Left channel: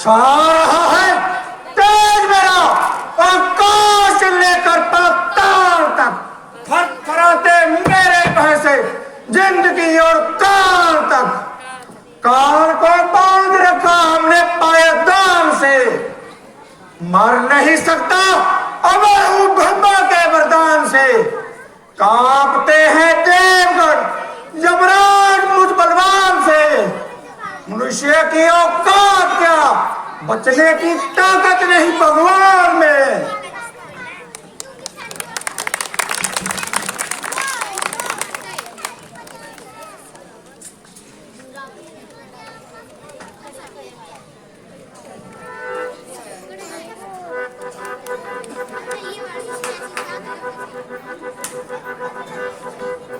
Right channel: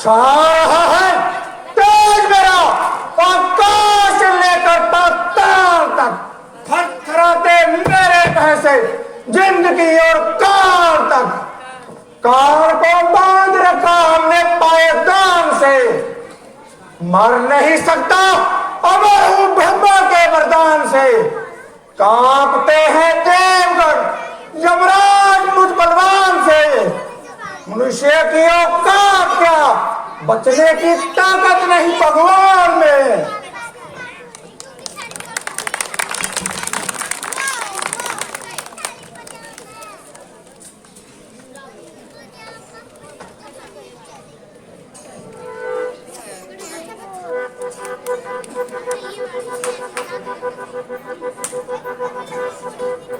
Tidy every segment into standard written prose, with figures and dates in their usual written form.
छा रहा है तेज मेरा आकाश लेकर पाताल तक, थरथराते मेरे भैंसे जिंदगी और काल तक। काल को बांध रखा हमने पायदान से, मर नहीं सकता अब हूं ब्रह्मा के वरदान से। कांपते हैं देवगढ़ यमराज मुझ बलवान से। मनुष्य की औकात क्या, बचने की ताकत नहीं भगवान में।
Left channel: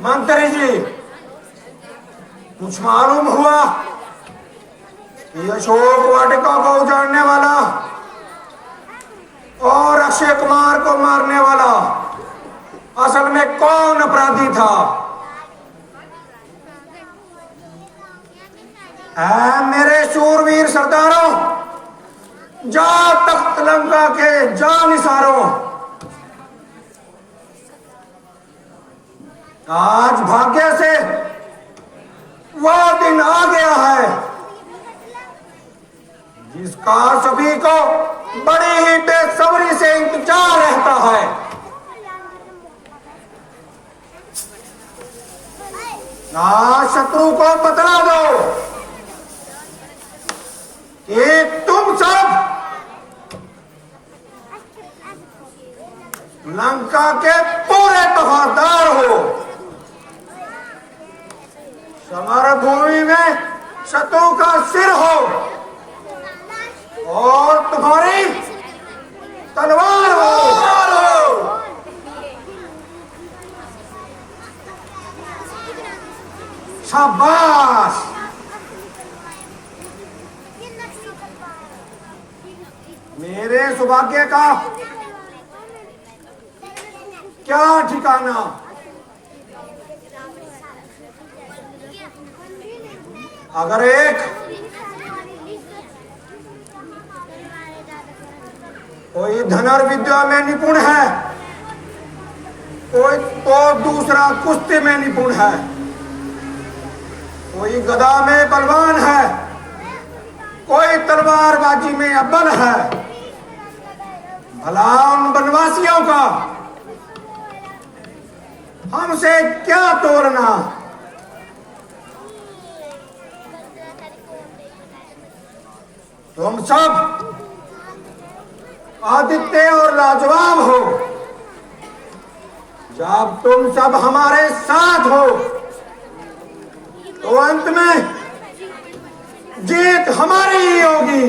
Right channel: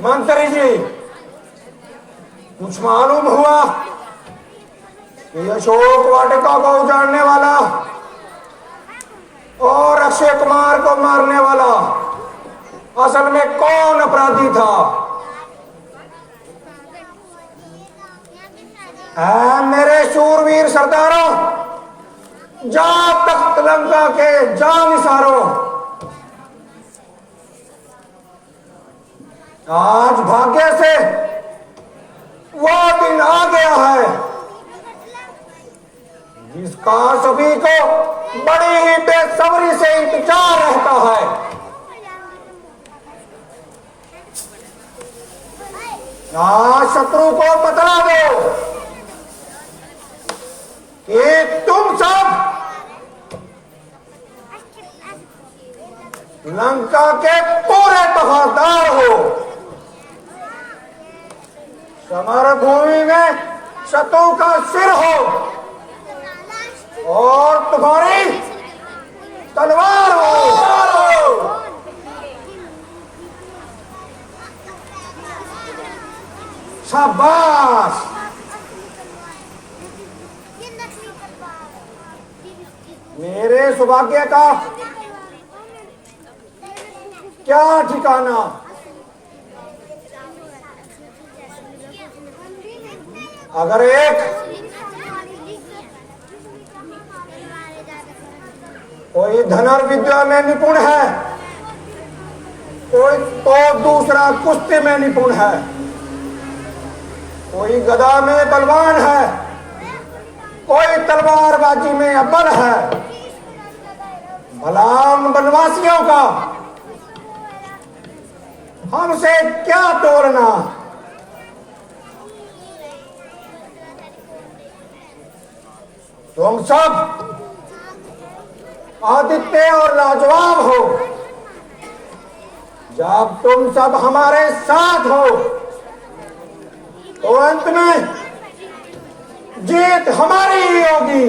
मंत्री जी, कुछ मालूम हुआ कि अशोक वाटिका को उजाड़ने वाला और अक्षय कुमार को मारने वाला असल में कौन अपराधी था? मेरे शूरवीर सरदारों, जा तख्त लंका के जानिसारों, आज भाग्य से वो दिन आ गया है जिसका सभी को बड़ी ही बेसब्री से इंतजार रहता है। आज शत्रु को बतला दो कि तुम सब लंका के पूरे वफादार हो। समर भूमि में शत्रु का सिर हो और तुम्हारी तलवार हो। शाबाश, मेरे सौभाग्य का क्या ठिकाना। अगर एक कोई धनुर्विद्या में निपुण है, कोई तो दूसरा कुश्ती में निपुण है, कोई गदा में बलवान है, कोई तलवारबाजी में अव्वल है। भला उन वनवासियों का हमसे क्या तोड़ना। तुम सब आदित्य और लाजवाब हो। जब तुम सब हमारे साथ हो तो अंत में जीत हमारी ही होगी।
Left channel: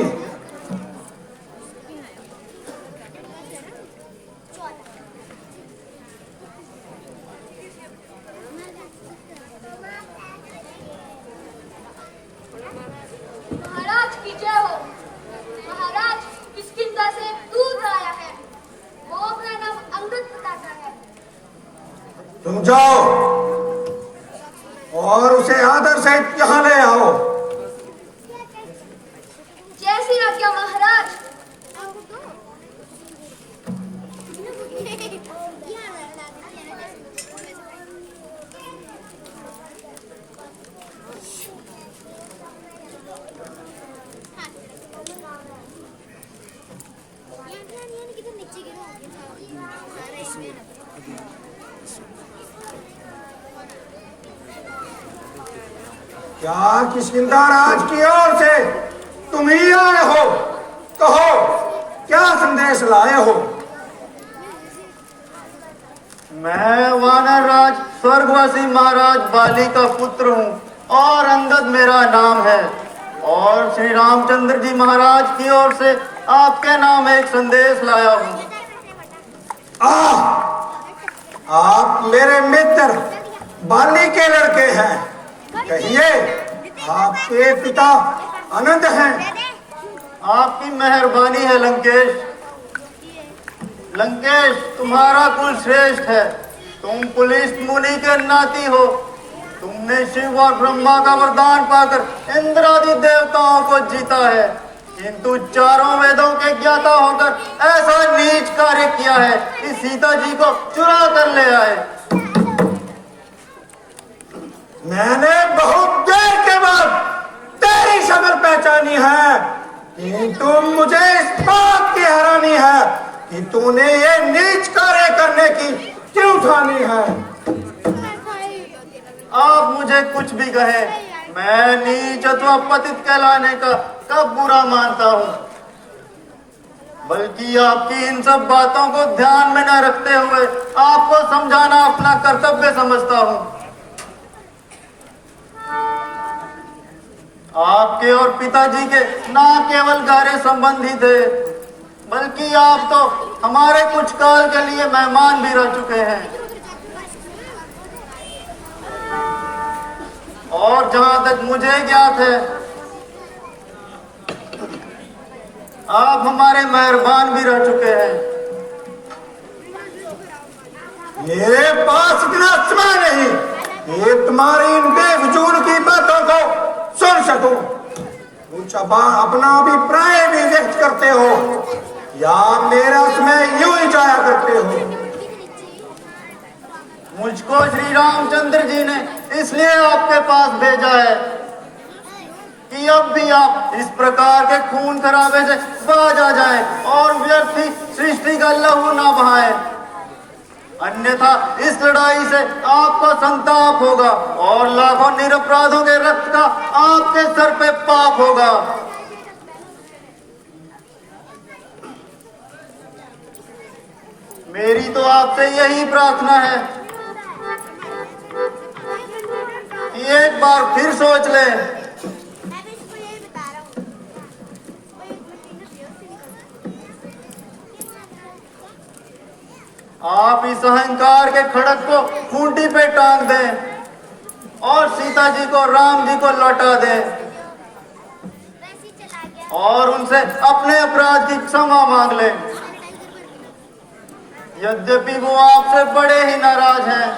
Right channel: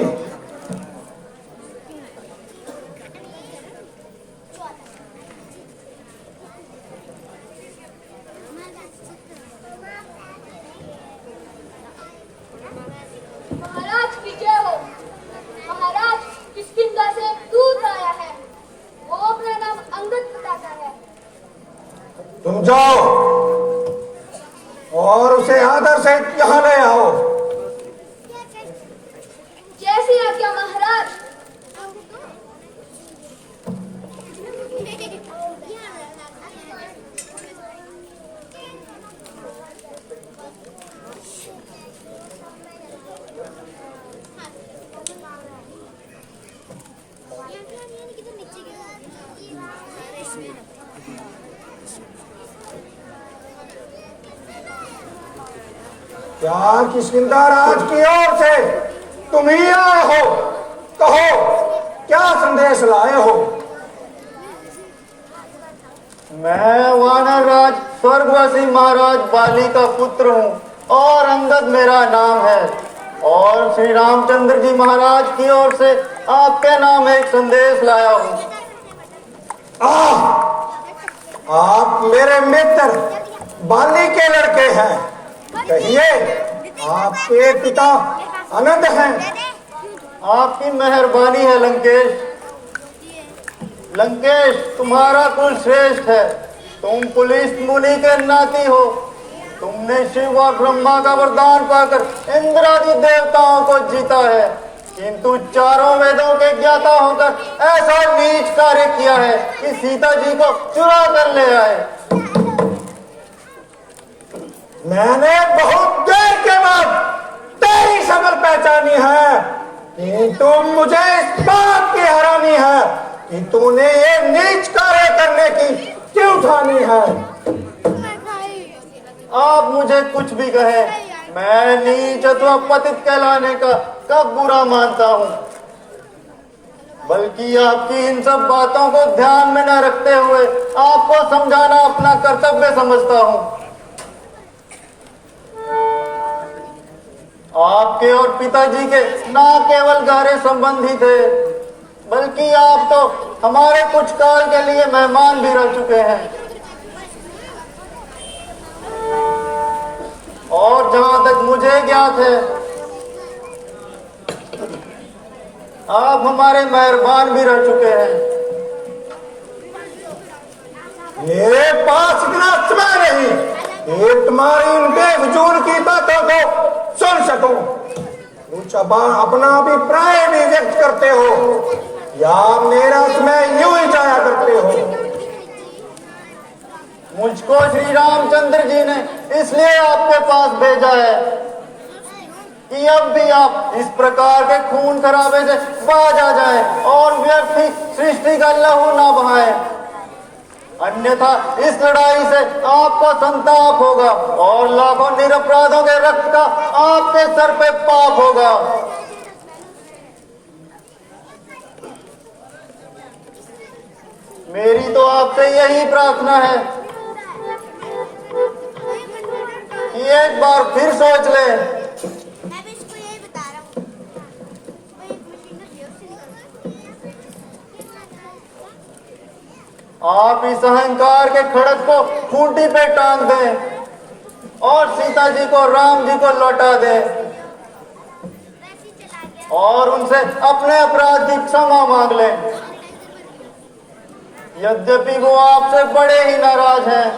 महाराज की जय हो। महाराज किष्किंधा से दूर आया है, वो अपना नाम अंगद बताता है। तुम जाओ और उसे आदर से यहाँ ले आओ। जैसी आज्ञा महाराज। क्या किष्किंधा राज की ओर से तुम ही आए हो? कहो, क्या संदेश लाए हो? मैं वानर राज स्वर्गवासी महाराज बाली का पुत्र हूँ और अंगद मेरा नाम है, और श्री रामचंद्र जी महाराज की ओर से आपके नाम एक संदेश लाया हूँ। आप मेरे मित्र बाली के लड़के हैं। कहिए, आपके पिता आनंद हैं। आपकी मेहरबानी है लंकेश। लंकेश, तुम्हारा कुल श्रेष्ठ है। तुम पुलिस मुनि के नाती हो। तुमने शिव और ब्रह्मा का वरदान पाकर इंद्रादि देवताओं को जीता है, किंतु चारों वेदों के ज्ञाता होकर ऐसा नीच कार्य किया है कि सीता जी को चुरा कर ले आए। मैंने बहुत देर के बाद तेरी शक्ल पहचानी है, किंतु मुझे इस बात की हैरानी है कि तूने ये नीच कार्य करने की क्यों ठानी है। आप मुझे कुछ भी कहे, मैं नीच अथवा पतित कहलाने का कब बुरा मानता हूँ, बल्कि आपकी इन सब बातों को ध्यान में न रखते हुए आपको समझाना अपना कर्तव्य समझता हूँ। आपके और पिताजी के ना केवल गहरे संबंधी थे, बल्कि आप तो हमारे कुछ काल के लिए मेहमान भी रह चुके हैं। और जहां तक मुझे ज्ञात है, आप हमारे मेहरबान भी रह चुके हैं। मेरे पास इतना समय नहीं कि तुम्हारी इन बेफजूल की बातों को सुन सकूं। कुछ अपना अभिप्राय भी व्यक्त करते हो या मेरा समय यूं ही जाया करते हो। मुझको श्री रामचंद्र जी ने इसलिए आपके पास भेजा है कि अब भी आप इस प्रकार के खून खराबे से बाज आ जाएं और व्यर्थ ही सृष्टि का लहू ना बहाएं, अन्यथा इस लड़ाई से आपका संताप होगा और लाखों निरपराधों के रक्त का आपके सर पे पाप होगा। मेरी तो आपसे यही प्रार्थना है कि एक बार फिर सोच ले। आप इस अहंकार के खड़क को खूंटी पे टांग दें और सीता जी को राम जी को लौटा दें और उनसे अपने अपराध की क्षमा मांग लें। यद्यपि वो आपसे बड़े ही नाराज हैं,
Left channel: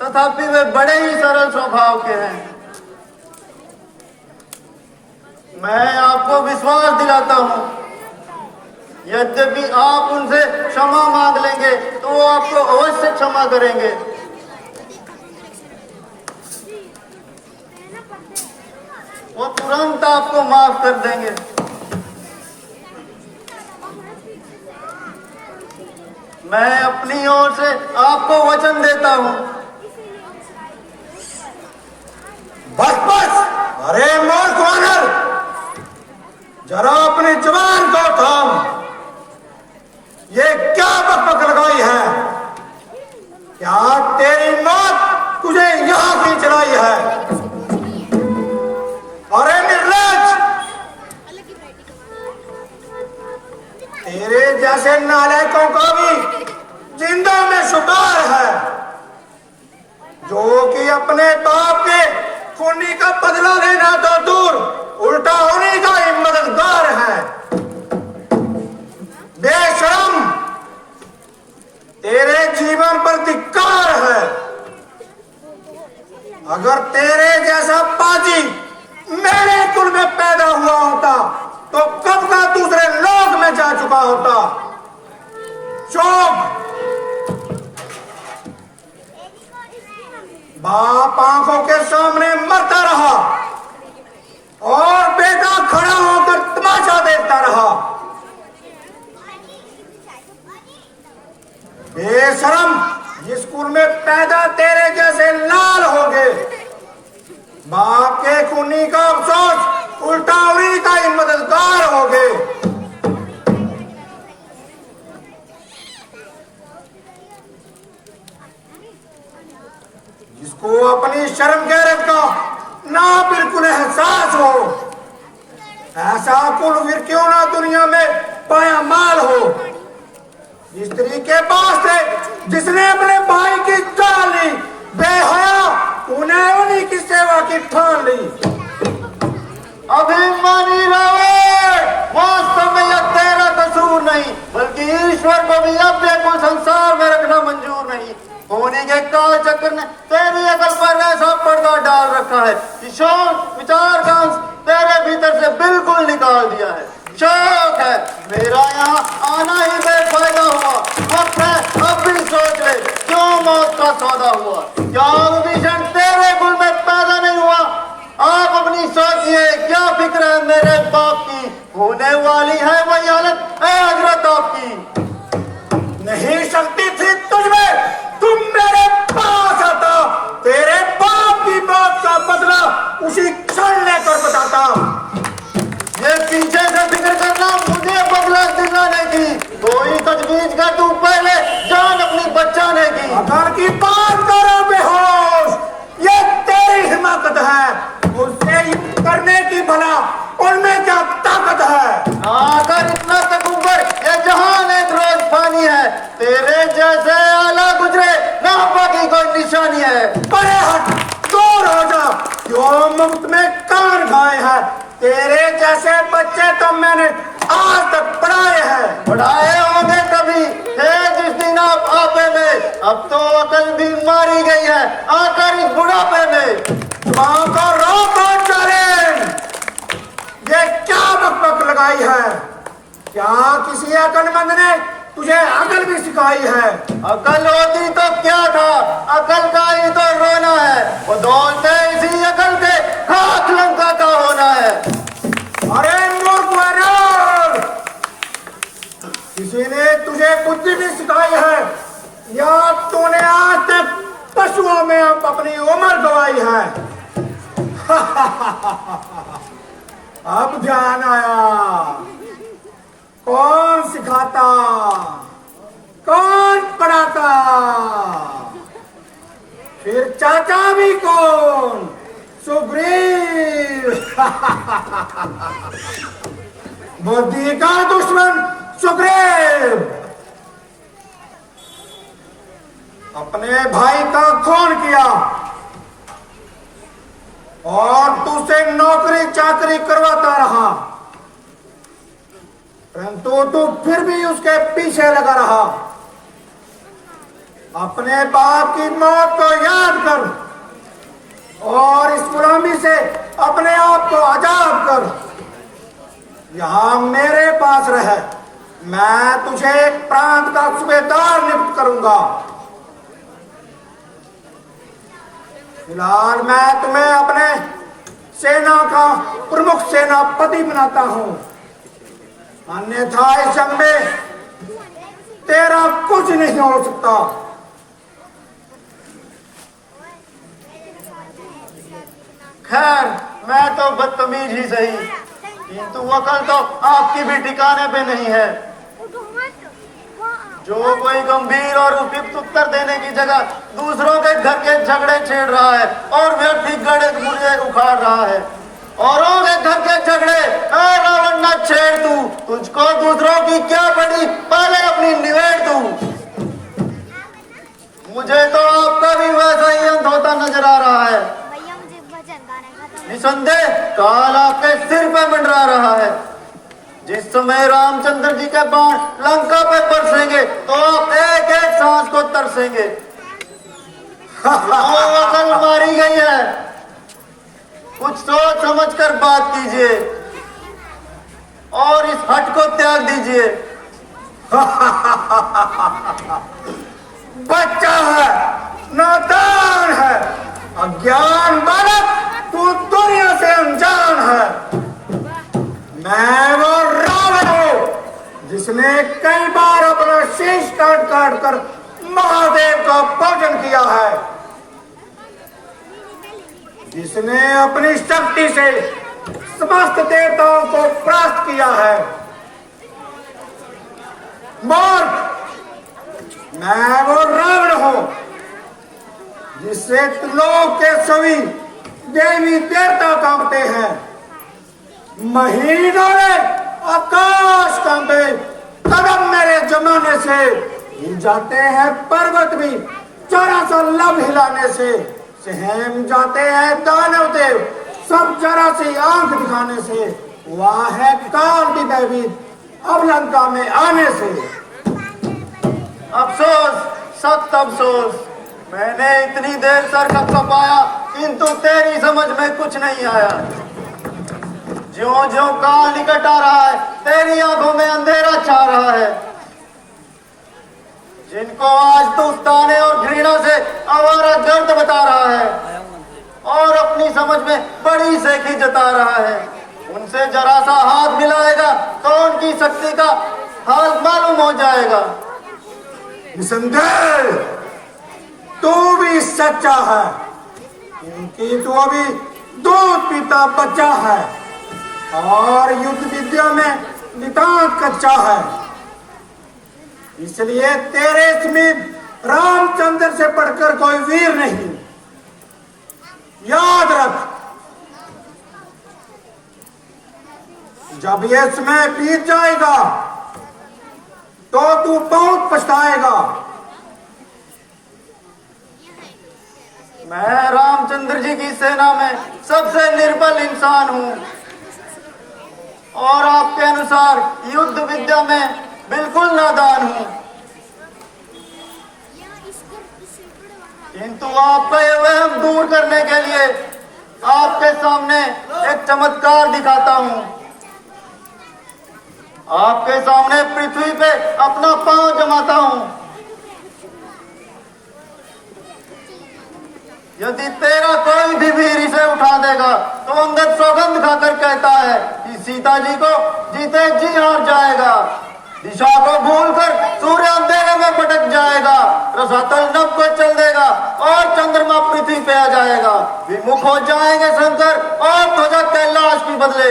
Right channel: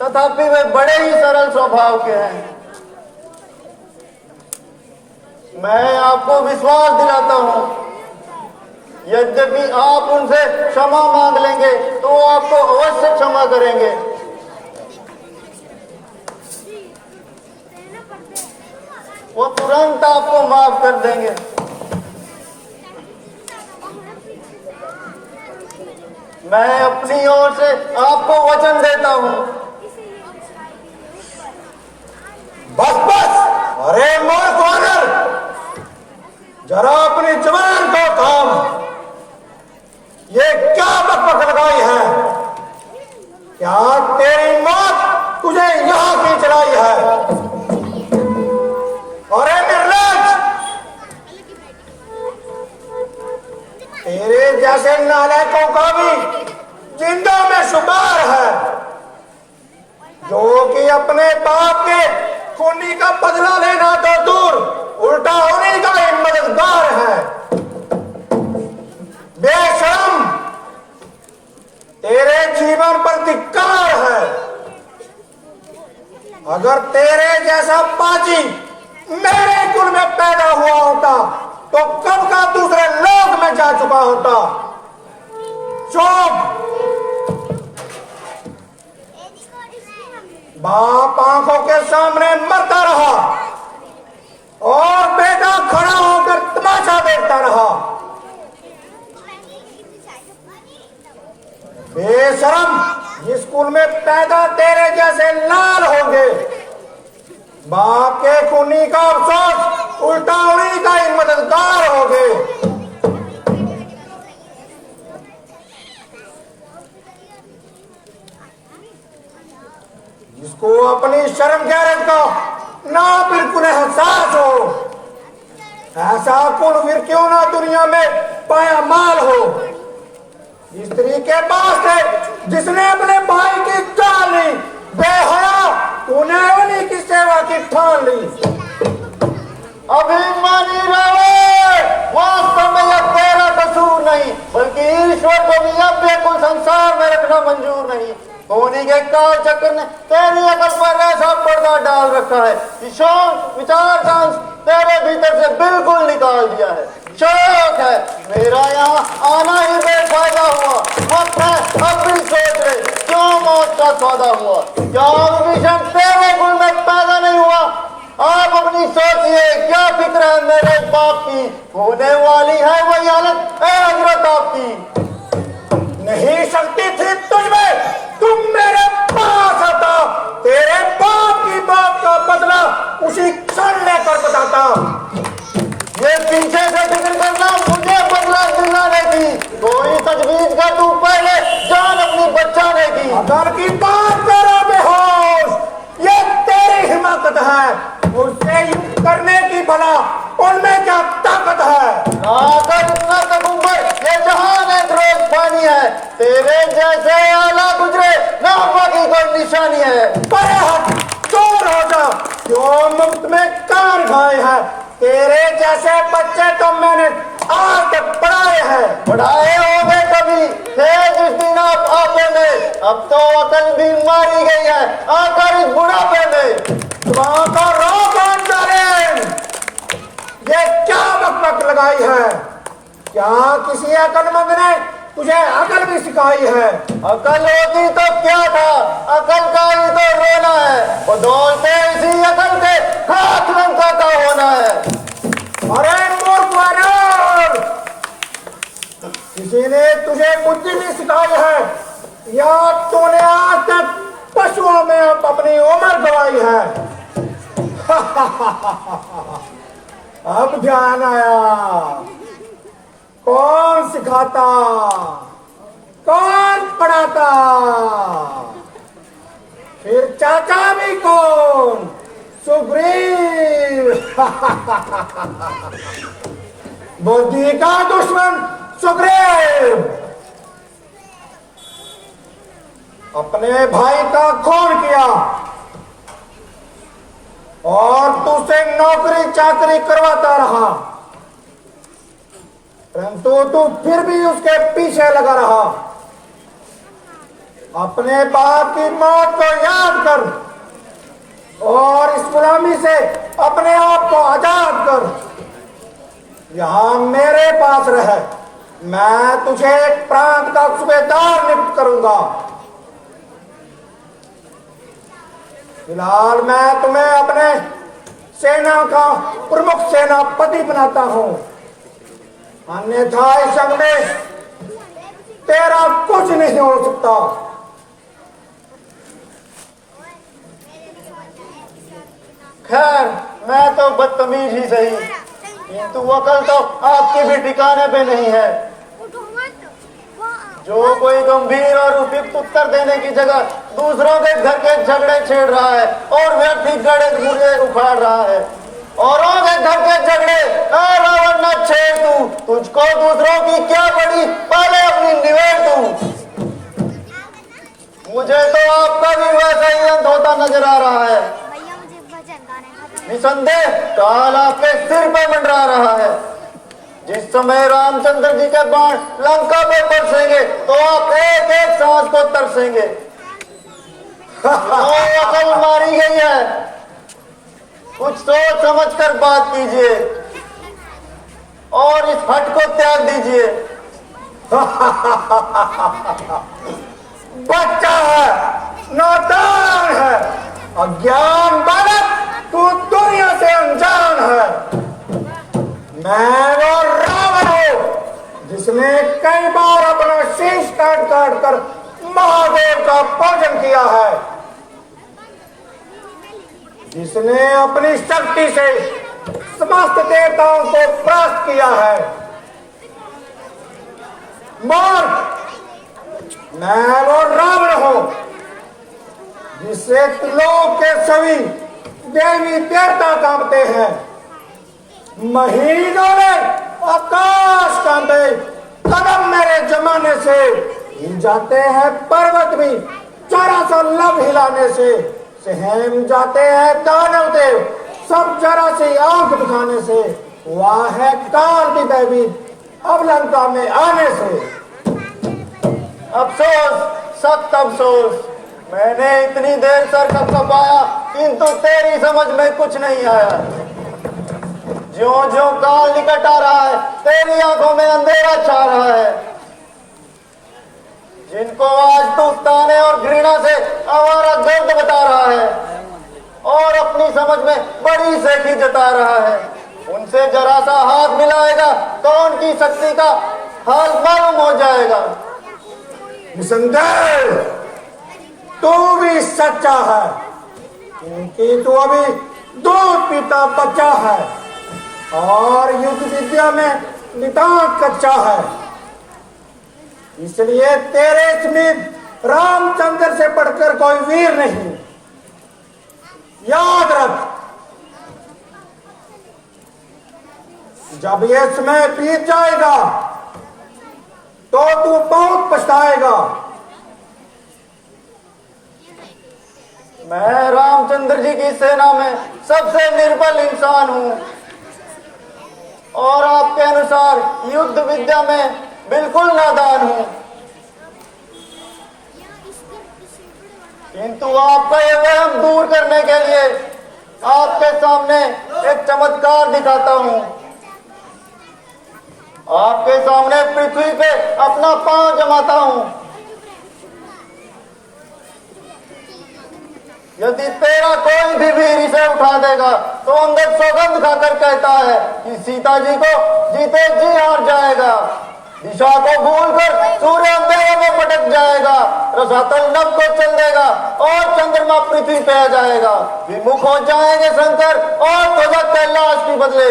तथापि वे बड़े ही सरल स्वभाव के हैं। मैं आपको विश्वास दिलाता हूं, यद्यपि आप उनसे क्षमा मांग लेंगे तो वो आपको अवश्य क्षमा करेंगे। वो तुरंत आपको माफ कर देंगे। मैं अपनी ओर से आपको वचन देता हूं। बस बस, अरे मूर्ख वानर, जरा अपनी जुबान को थाम। ये क्या बकबक लगाई है? क्या तेरी मौत तुझे यहां की चढ़ाई है? अरे निर्लज्ज, तेरे जैसे नालायकों का भी जिंदा में शुमार है, जो कि अपने बाप के खूनी का बदला लेना तो दूर, उल्टा होने का ही मददगार है। बेशर्म, तेरे जीवन पर धिक्कार है। अगर तेरे जैसा पाजी मेरे कुल में पैदा हुआ होता तो कब का दूसरे लोक में जा चुका होता। चुप! बाप आंखों के सामने मरता रहा और बेटा खड़ा होकर तमाशा देखता रहा। बेशरम, जिस कुल में पैदा तेरे जैसे लाल होंगे, बाप के खूनी का अफसोस उल्टा उन्हीं का ही मददगार होगे। जिसको अपनी शर्म गैरत का ना बिल्कुल एहसास हो, ऐसा कुल फिर क्यों ना दुनिया में पाया माल हो। स्त्री के पास थे जिसने अपने भाई की जान ली, बेहया तूने उन्हीं की सेवा की ठान ली। अभिमानी रावण, वास्तव में यह तेरा कसूर नहीं बल्कि ईश्वर को भी अपने को संसार में रखना मंजूर नहीं। होनी के काल चक्र ने तेरी अकल पर ऐसा पर्दा डाल रखा है कि शौक विचार का अंश तेरे भीतर से बिल्कुल निकाल दिया है। शौक है मेरा यहाँ आना ही बेफायदा हुआ। वक्त है अब भी सोच ले क्यों मौत का सौदा हुआ। क्या विभीषण तेरे गुण में पैदा नहीं हुआ? आप अपनी सोचिए क्या फिक्र है मेरे बाप की। होने वाली है वही हालत एग्रत आपकी। नहीं शक्ति थी तुझमें, तुम मेरे पास आता, तेरे बाप की बात का बदला उसी क्षण लेकर बताता। ये पीछे से फिक्र करना मुझे बदला दिलाने की। कोई तजवीज का तू पहले जान अपनी बचाने की। अगर की बात करा बेहोश, ये तेरी हिमाकत है। उससे युद्ध करने की भला उनमें क्या ताकत है? आकर इतना तकबर ये जहान एक रोज पानी है। तेरे जैसे आला गुजरे ना बाकी कोई निशानी है। परे हट, दूर हो जा, क्यों मुफ्त में कान खाए हैं? तेरे जैसे बच्चे तो मैंने आज तक पढ़ाए हैं। पढ़ाए होंगे कभी थे जिस दिन आप आपे में। अब तो अकल भी मारी गई है आकर इस बुढ़ापे में। वहां पर रोक और जालिम, ये क्या बकबक लगाई है? क्या किसी अकलमंद ने तुझे अकल भी सिखाई है? अकल होती तो क्या था, अकल का ही तो रोना है। वो दौलते इसी अकल के हाथ लंका का होना है। अरे मूर्ख वानर, किसी ने तुझे बुद्धि नहीं सिखाई है या तूने आज तक पशुओं में अपनी उम्र गवाई है? अब ध्यान आया, कौन सिखाता, कौन पढ़ाता, फिर चाचा भी कौन? सुग्रीव। बुद्धि का दुश्मन सुग्रीव अपने भाई का खून किया और तुझसे नौकरी चाकरी करवाता रहा, परंतु तू फिर भी उसके पीछे लगा रहा। अपने बाप की मौत को याद कर और इस गुलामी से अपने आप को आजाद कर। यहां मेरे पास रह, मैं तुझे एक प्रांत का सूबेदार नियुक्त करूंगा। फिलहाल मैं तुम्हें अपने सेना का प्रमुख सेनापति बनाता हूं, अन्यथा इस जंग में तेरा कुछ नहीं हो सकता। खैर मैं तो बदतमीज ही सही, किंतु अकल तो आपकी भी ठिकाने पे नहीं है। जो कोई गंभीर और उपयुक्त उत्तर देने की जगह दूसरों के घर के झगड़े छेड़ रहा है और व्यक्तिगत मुझे उखाड़ रहा है। औरों के घर के झगड़े रावण न छेड़ तू, तुझको दूसरों की क्या पड़ी, पहले अपनी निवेड़ तू। मुझे तो आपका भी वैसा ही अंत होता नजर आ रहा है। भैया मुझे भजन गाने खत्म। निसंदेह काल आपके सिर पर मंडरा रहा है। जिस समय रामचंद्र जी के बाण लंका पर बरसेंगे तो आप एक एक सांस को तरसेंगे। अकल मारी गई है, कुछ सोच समझ कर बात कीजिए और इस हट को त्याग दीजिए। बच्चा है, नादान है, अज्ञान बालक, तू दुनिया से अनजान है। मैं वो रावण हूं जिसने कई बार अपना शीश काट काट कर महादेव का पूजन किया है, जिसने अपनी शक्ति से समस्त देवताओं को परास्त किया है। मूर्ख, मैं वो रावण हूं जिससे लोग के सभी देवी देवता कांपते हैं। महीनों ने आकाश कांपे, कदम मेरे जमाने से हिल जाते हैं पर्वत भी, जरा सा लब हिलाने से सहम जाते हैं दानव देव, सब जरा सी आंख दिखाने से। वाह है काल भी भयभीत अब लंका में आने से। अफसोस, सख्त अफसोस। मैंने इतनी देर सर खपाया किंतु तेरी समझ में कुछ नहीं आया। ज्यों ज्यों काल निकट आ रहा है तेरी आंखों में अंधेरा छा रहा है। जिनको आज तू ताने और घृणा से आवारा गर्द बता रहा है और अपनी समझ में बड़ी सेठी जता रहा है, उनसे जरा सा हाथ मिलाएगा तो उनकी शक्ति का हाल मालूम हो जाएगा। निसंदेह तू भी सच्चा है, क्योंकि तू अभी दूध पीता बच्चा है और युद्ध विद्या में नितांत कच्चा है। इसलिए तेरे समीप रामचंद्र से बढ़कर कोई वीर नहीं। याद रख, जब ये समय बीत जाएगा तो तू बहुत पछताएगा। मैं रामचंद्र जी की सेना में सबसे निर्बल इंसान हूँ और आपके अनुसार युद्ध विद्या में बिल्कुल नादान हूँ, किंतु आपका ये वहम दूर करने के लिए आपके सामने एक चमत्कार दिखाता हूँ। आपके सामने पृथ्वी पे अपना पांव जमाता हूँ। यदि तेरा कोई भी वीर इसे उठा देगा तो अंगद सौगंध खाकर कहता है कि सीता जी को जीते जी हार जाएगा, दिशा को भूलकर सूर्य अंधेरे में भटक जाएगा, रसातल नभ को चल देगा और चंद्रमा पृथ्वी पे आ जाएगा। विमुख हो जाएंगे शंकर और ध्वजा कैलाश की बदले,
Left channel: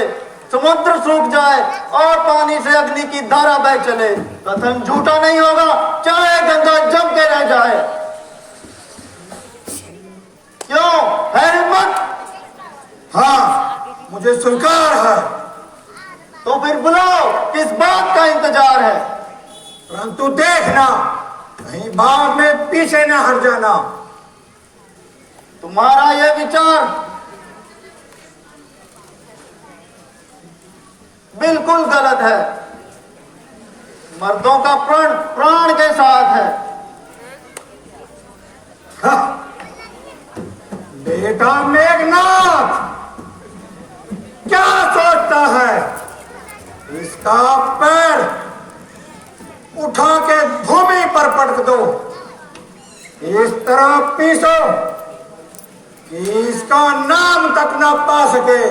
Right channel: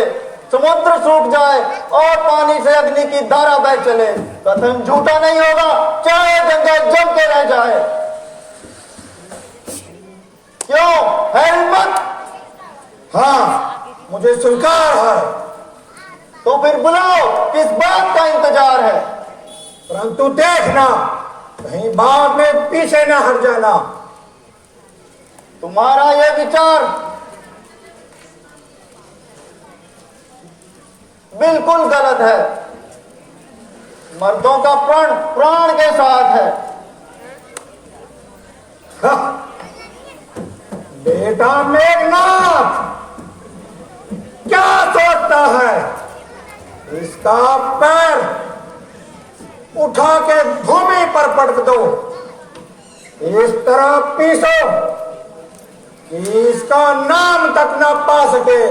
समुद्र सूख जाए और पानी से अग्नि की धारा बह चले, कथन झूठा नहीं होगा चाहे गंगा जम के रह जाए। क्यों है हिम्मत? हाँ, मुझे स्वीकार है। तो फिर बुलाओ, किस बात का इंतजार है? परंतु देखना कहीं बाग में पीछे न हट जाना। तुम्हारा यह विचार बिल्कुल गलत है। मर्दों का प्राण प्राण के साथ है। हाँ, बेटा मेघनाथ क्या सोचता है? इसका पैर उठा के भूमि पर पटक दो, इस तरह पीसो कि इसका नाम तक ना पा सके,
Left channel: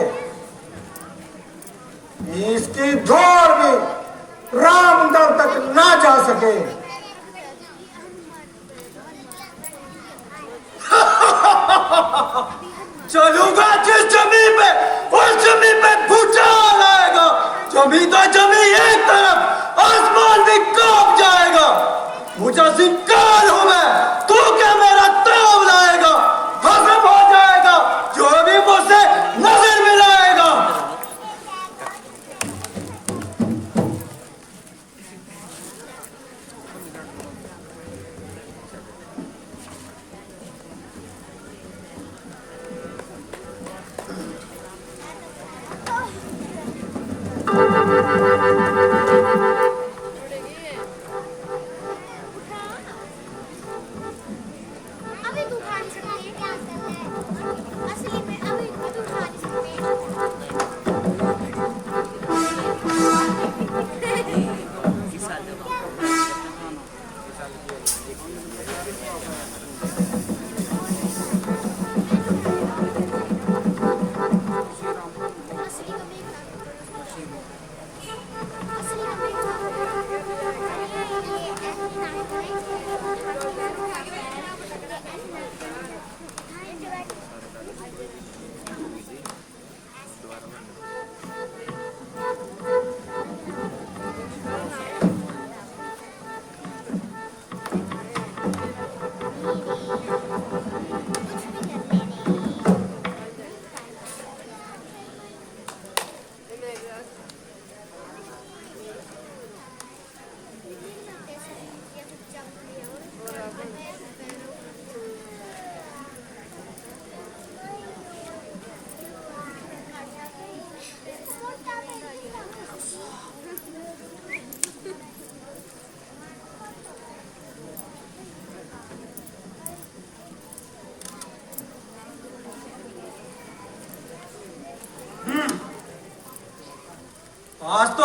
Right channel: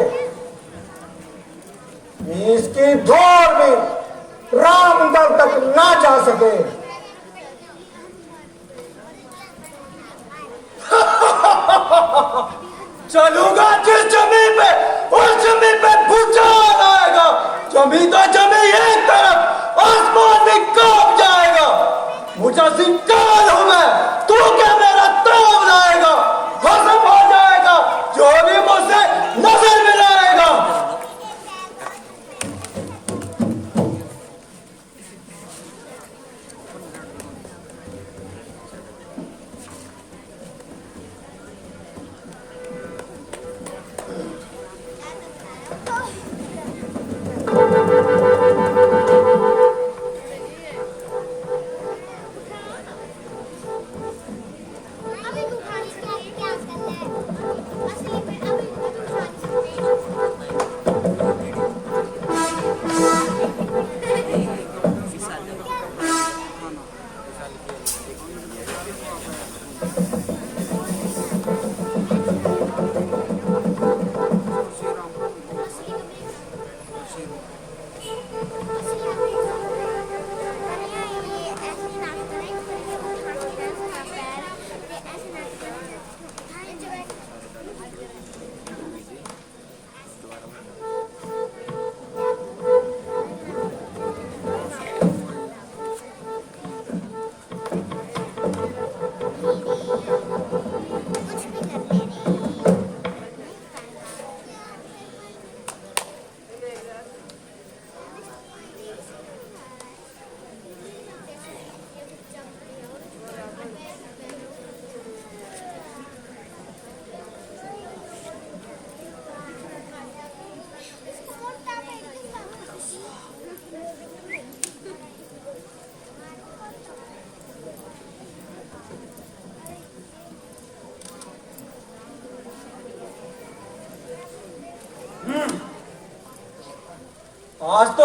इसकी धूल भी रामदल तक ना जा सके। चलूंगा जिस जमीन पे उस जमीन पे भूचाल आएगा, जमीन तो जमीन एक तरफ, आसमान भी कांप जाएगा। मुझे काल हूं मैं, तू क्या मेरा ताव लाएगा? भस्म हो जाएगा जो भी मुझसे नजर मिलाएगा।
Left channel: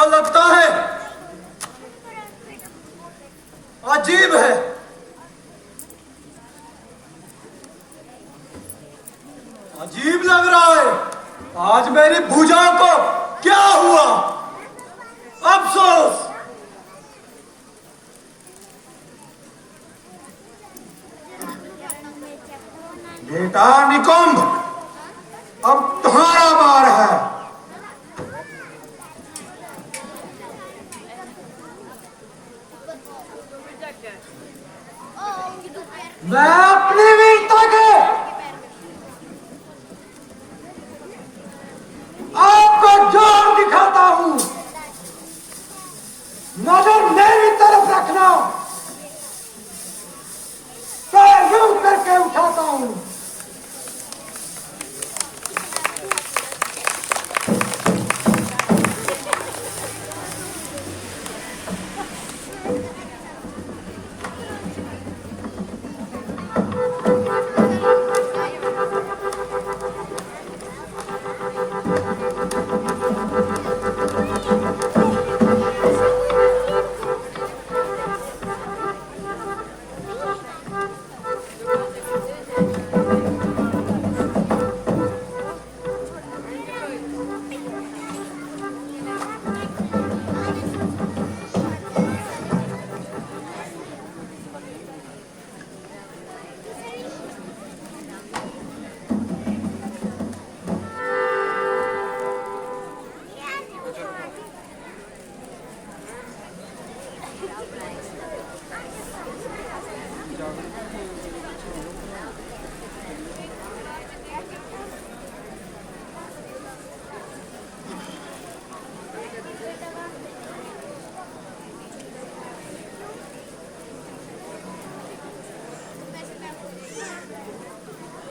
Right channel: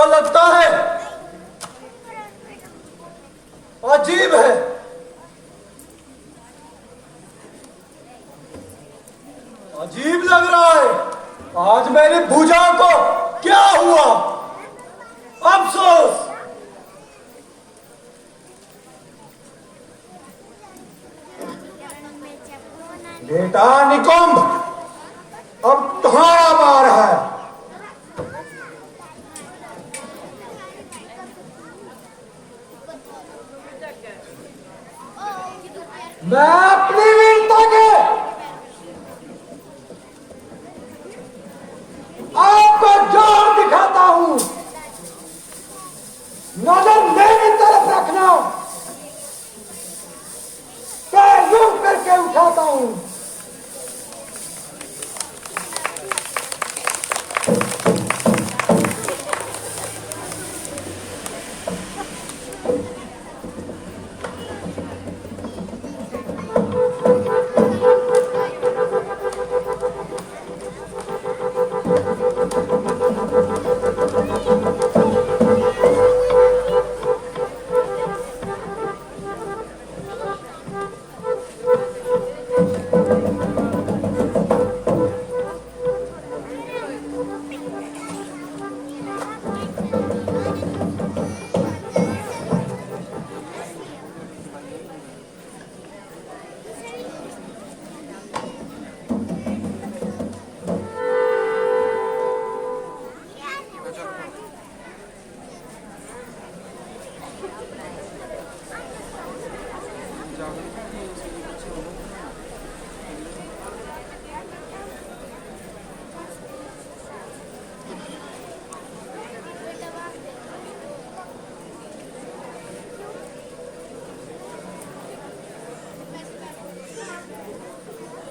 ऐसा लगता है अजीब है। अजीब लग रहा है। आज मेरी भुजाओं को क्या हुआ? अफसोस। बेटा निकुंभ, अब तुम्हारा बार है। मैं अपनी वीरता के आपको जोर दिखाता हूं। नजर मेरी तरफ रखना, पैर यूं करके उठाता हूं।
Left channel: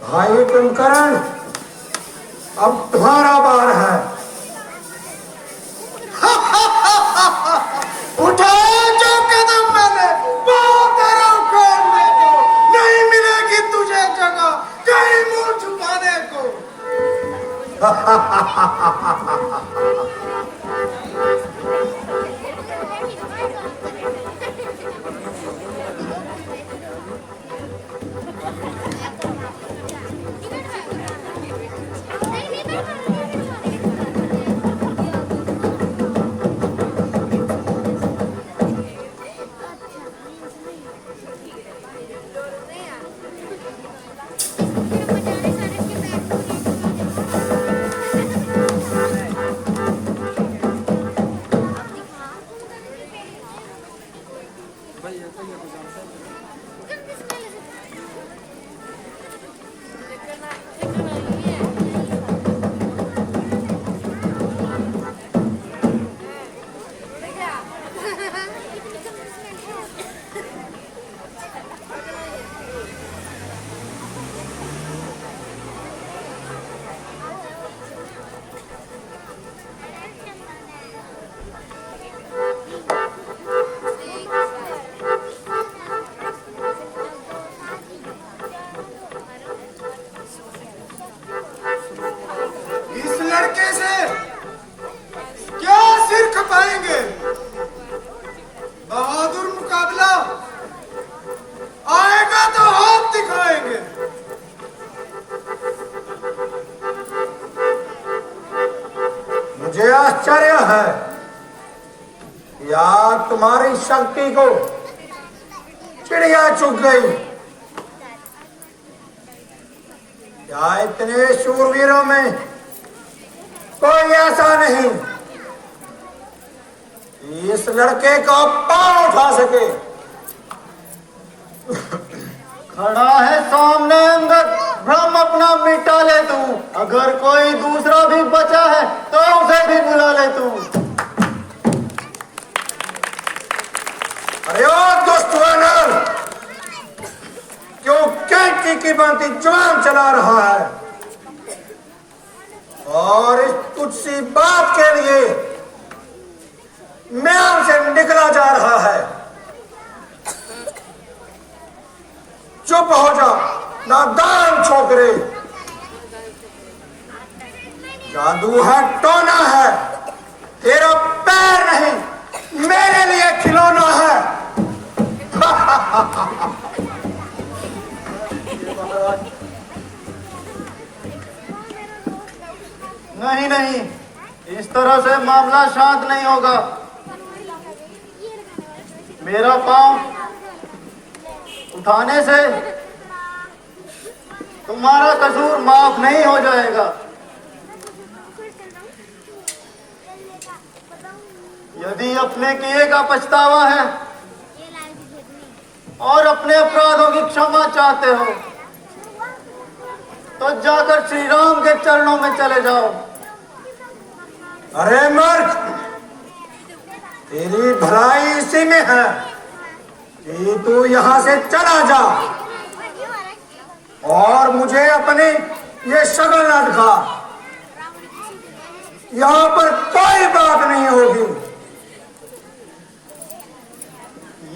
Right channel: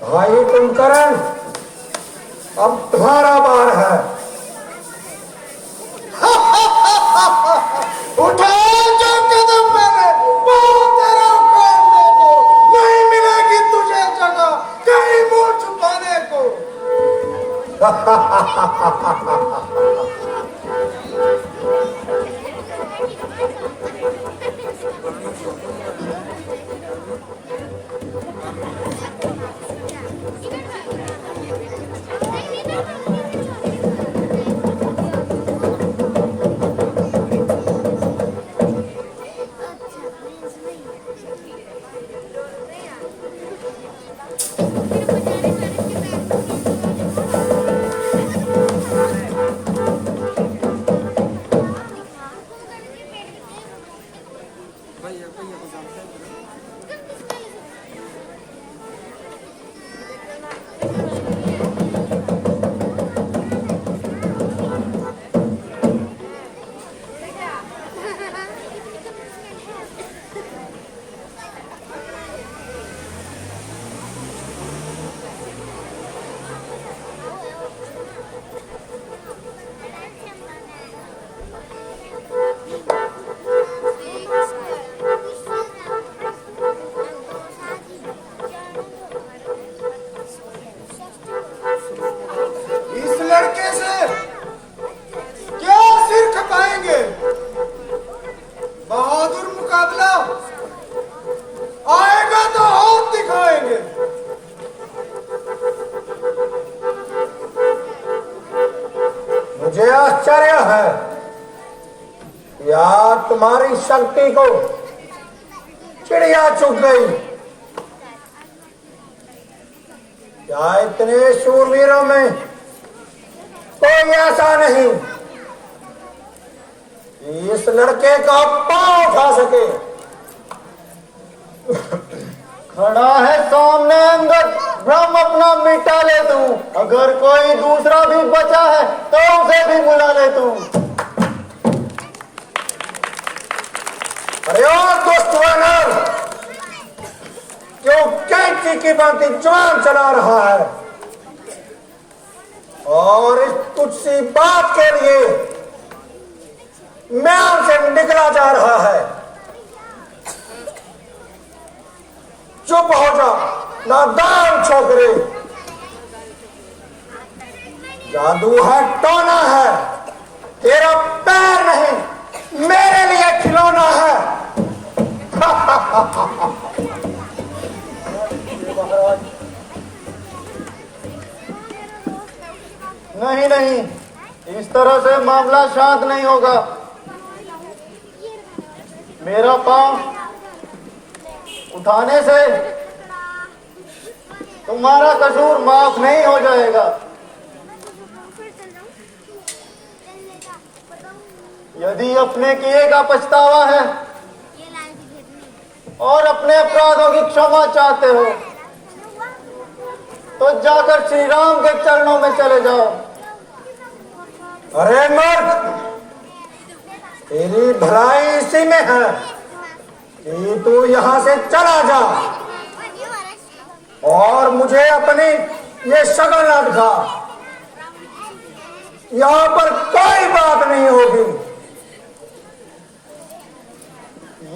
भाई कुंभकर्ण, अब तुम्हारा बार है। उठाया जो कदम मैंने, पाँव तेरा उखाड़ने को, नहीं मिलेगी तुझे जगह कहीं मुंह छुपाने को। इस लड़के से क्या सिर खपाएंगे? बहादुर मुकाबला आएगा तो हाथ दिखाएंगे। मुझे आश्चर्य है, यार तुम्हारी शक्ति को चिड़िया चुग गई। क्या इतने शूरवीरों में कोई ऐसा नहीं कि इस लड़के का पांव उठा सके? खड़ा है सामने अंगद, भ्रम अपना मिटा ले तू। अगर कोई दूसरा भी बचा है तो उसे भी बुला ले तू। अरे ओ दुष्ट वानर, क्यों कैंची की भांति जुबान चला रहा है और इस तुच्छ सी बात के लिए म्यान से निकला जा रहा है? चुप हो जा नादान छोकरे। जादू है, टोना है, तेरा पैर नहीं मेरे लिए खिलौना है। नहीं नहीं, इस तरह से मामला शांत नहीं होगा। मेरा पांव उठाने से तुम्हारा कसूर माफ नहीं हो जाएगा। यदि अपने किए का पछतावा है और अपने अपराधों की क्षमा चाहते हो तो जाकर श्री राम के चरणों में चले जाओ। अरे मर्द, तेरी भलाई इसी में है कि तू यहां से चला जा और मुझे अपनी ये शक्ल न दिखा। यहां पर कोई बात नहीं होगी।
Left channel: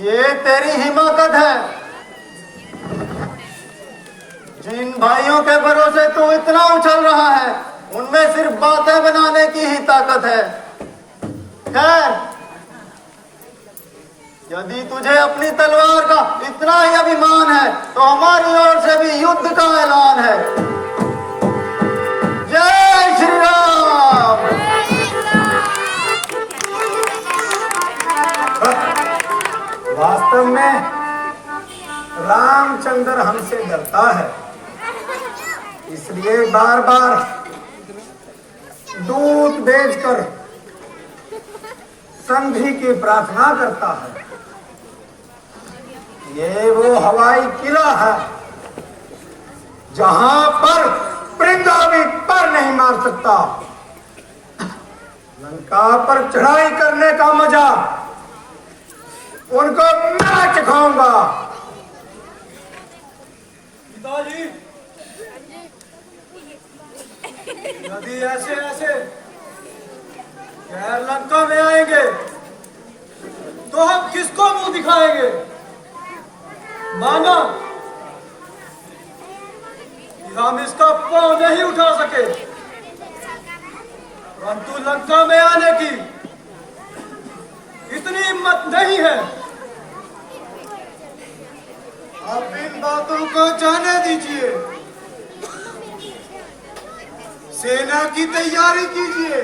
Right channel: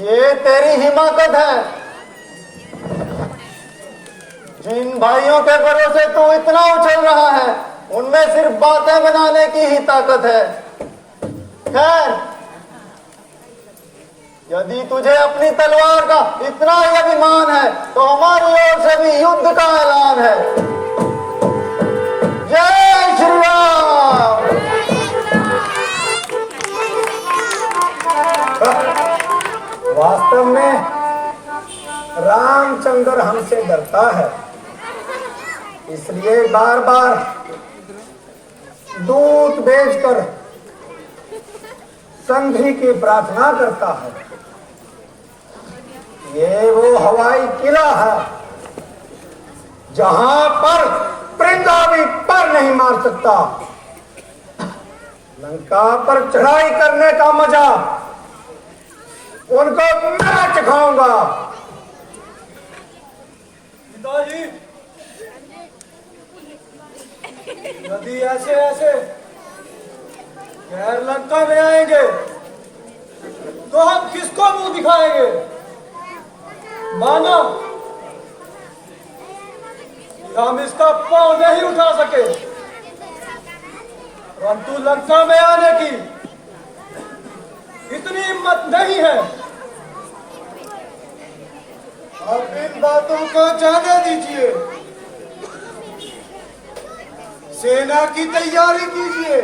ये तेरी हिमाकत है। जिन भाइयों के भरोसे तू इतना उछल रहा है उनमें सिर्फ बातें बनाने की ही ताकत है। खैर, यदि तुझे अपनी तलवार का इतना ही अभिमान है तो हमारी ओर से भी युद्ध का ऐलान है। जय श्री राम। वास्तव में रामचंद्र हमसे डरता है, इसलिए बार बार दूत भेजकर संधि की प्रार्थना करता है। ये वो हवाई किला है जहां पर परिंदा भी पर नहीं मार सकता। लंका पर चढ़ाई करने का मजा उनको मैं चखाऊंगा। पिताजी, यदि ऐसे ऐसे गैर लंका में आएंगे तो हम किसको मुंह दिखाएंगे? मानो कि हम इसका पांव नहीं उठा सके, परंतु लंका में आने की इतनी हिम्मत नहीं है। अब इन बातों को जाने दीजिए। सेना की तैयारी कीजिए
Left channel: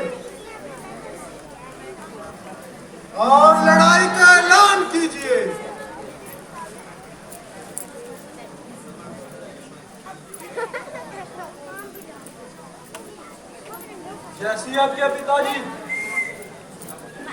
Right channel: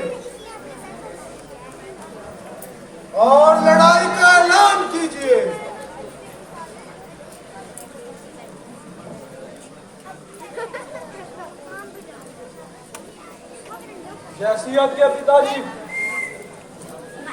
और लड़ाई का ऐलान कीजिए। जैसी आपके पिताजी।